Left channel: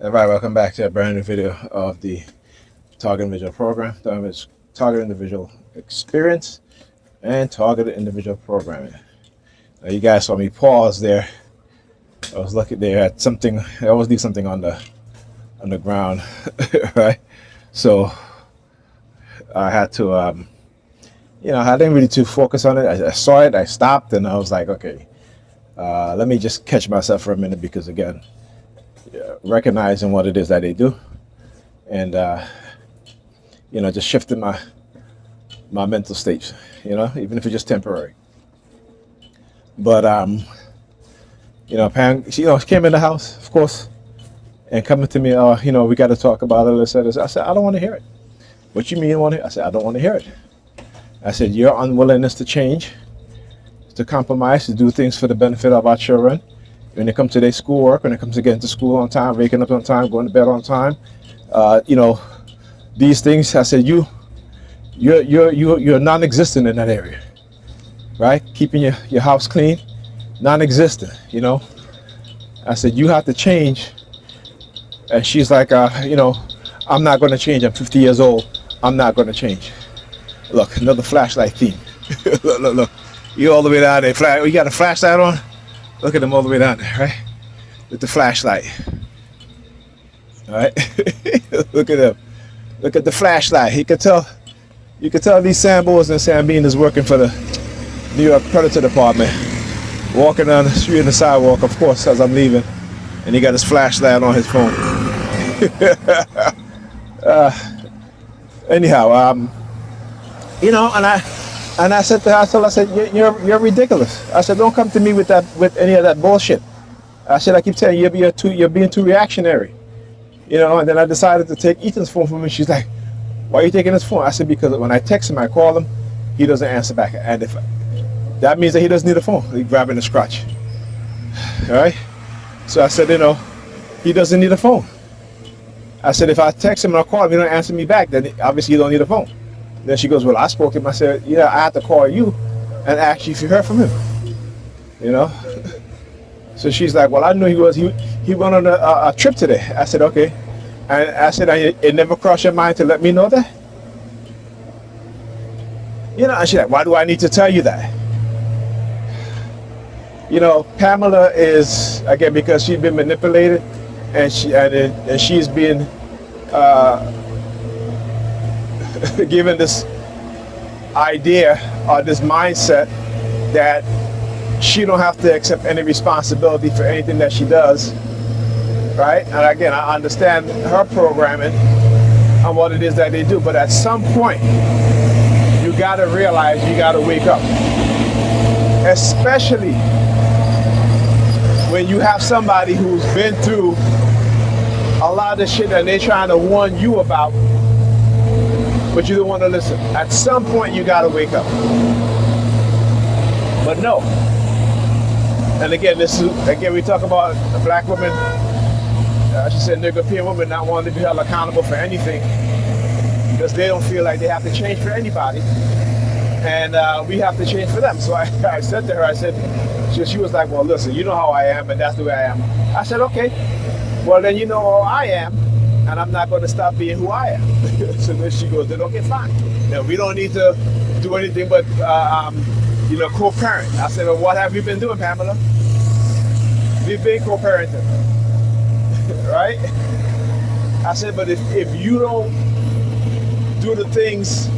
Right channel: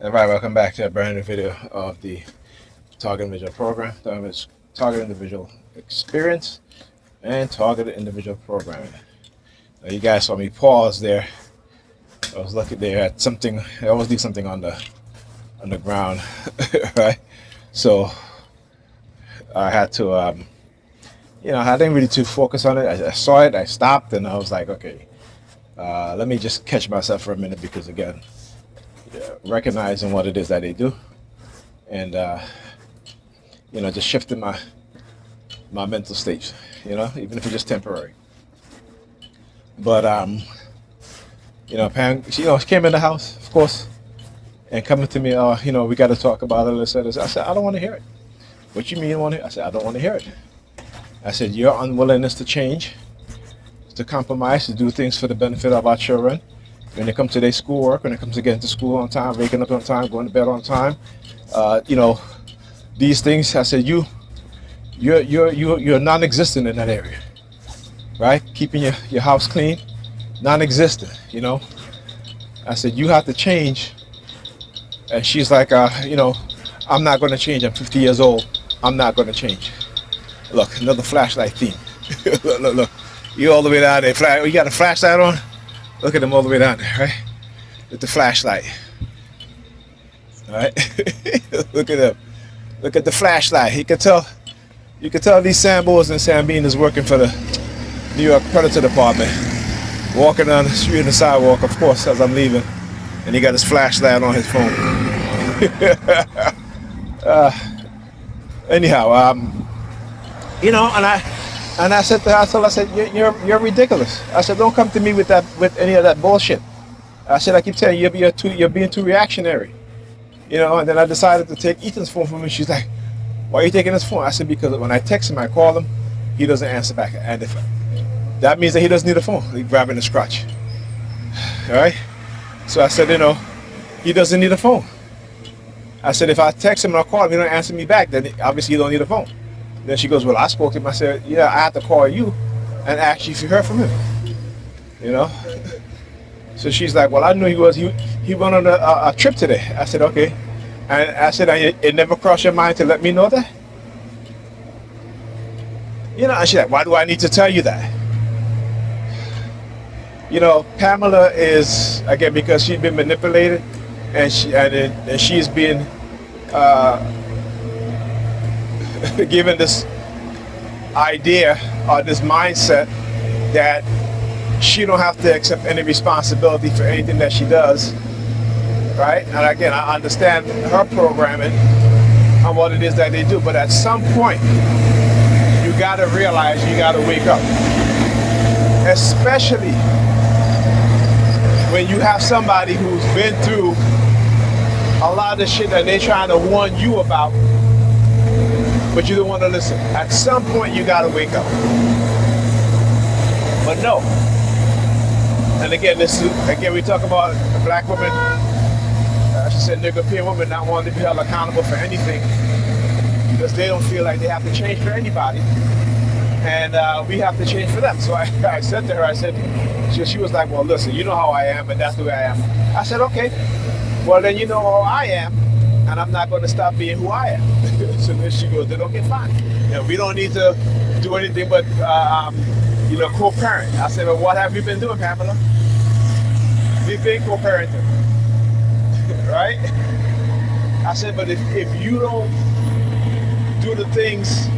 All right, welcome back to a brand new video of the Target Individual Program. Target Individual Experience and Targeted Individual Programming. Now, you guys saw me pause there. I was looking there at something. I always do something on the ground, right? So I had to, I didn't really too focus on it. I saw it, I stopped, and I was like, okay, let me just catch myself for a minute because again, recognizing what it is that they do, and just shifting my mental state, even if it's just temporary. But Pam, she came in the house, of course, and coming to me, we got to talk about it. I said, I don't want to hear it. What you mean you want to hear? I said, I don't want to hear it. I said, your unwillingness to change, to compromise, to do things for the benefit of our children. When it comes to their schoolwork, when it comes to getting to school on time, waking up on time, going to bed on time, these things. I said, you're non-existent in that area, right? Keeping your house clean, non-existent. I said you have to change, and she's like, I'm not going to change. I'm 50 years old. I'm not going to change. Look, another flashlight theme. look, you all the way down there. You got a flashlight on? Look at them all the way down there, right? With the flashlight. All right? Look at them. Look at the flashlight. You can tell these Sambos and Sambinas working for the New York Predator Department. Walking down the street and the sidewalk, of course, as I'm leaving. And he got his flashlight on his phone. Anyhow, and I said to her, I said, you're ridiculous. I said, don't come to me with any of that bullshit. I said, I keep telling you, you're being too reactionary. And then I decided to take Ethan's phone from him. She's like, why are you taking his phone? I said, because when I text him, I call him, he doesn't answer back. And if that means that he doesn't need a phone. He's grabbing his crotch. All right? So I said, he doesn't need a phone. I said, if I text him and I call him, he don't answer me back, then obviously you don't need a phone. Then she goes, well, I spoke to him. I said, yeah, I had to call you and ask you if you heard from him. So she's like, well, I knew he went on a trip today. I said, okay. And I said, it never crossed your mind to let me know that? And she's like, why do I need to tell you that? Pamela is, again, because she's been manipulated and she's been given this idea or this mindset that she don't have to accept any responsibility for anything that she does, right? And again, I understand her programming and what it is that they do, but at some point you got to realize you got to wake up, especially when you have somebody who's been through a lot of shit that they're trying to warn you about, but you don't want to listen. At some point, you got to wake up. But no. And again, we talk about a black woman, I should say nigger peer woman, not wanting to be held accountable for anything because they don't feel like they have to change for anybody. And we have to change for them. So I said to her, she was like, well, listen, you know how I am, and that's the way I am. I said, okay, well, then you know how I am, and I'm not going to stop being who I am. So then she goes, then okay, fine. We don't need to do anything but, co-parent. I said, well, what have you been doing, Pamela? We've been co-parenting, right? I said, but if you don't do the things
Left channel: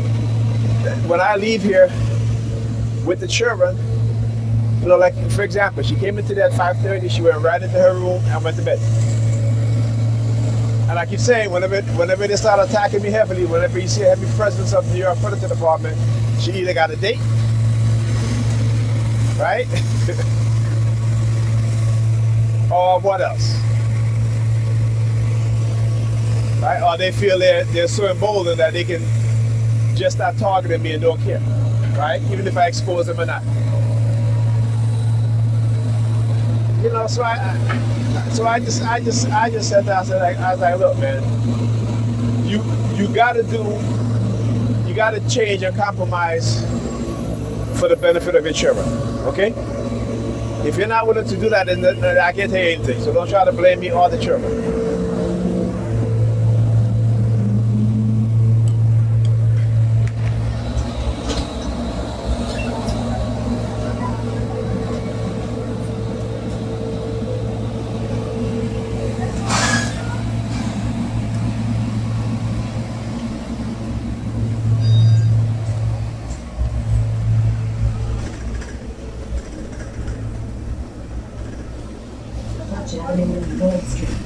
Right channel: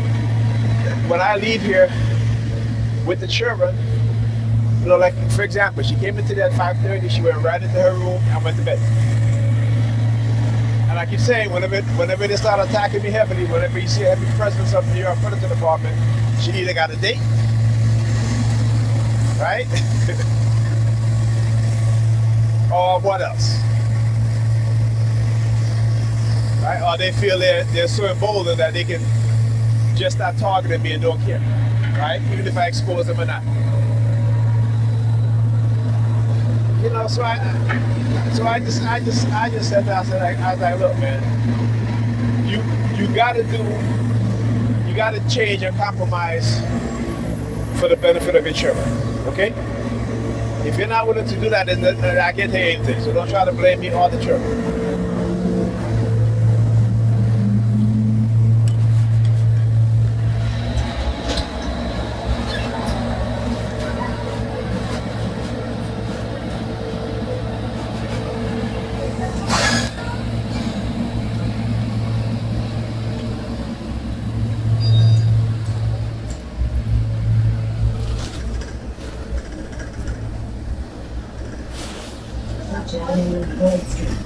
when I leave here with the children, like for example, she came into there at 5:30, she went right into her room and went to bed. And I keep saying, whenever they start attacking me heavily, whenever you see a heavy presence of the New York Predator Department, she either got a date, right? Or what else? Right? Or they feel they're so emboldened that they can just start targeting me and don't care, right? Even if I expose them or not. So I just said that. I was like, look, man, you gotta change and compromise for the benefit of your children, okay? If you're not willing to do that, then I can't tell you anything. So don't try to blame me or the children. Avenue, Lloyd Street.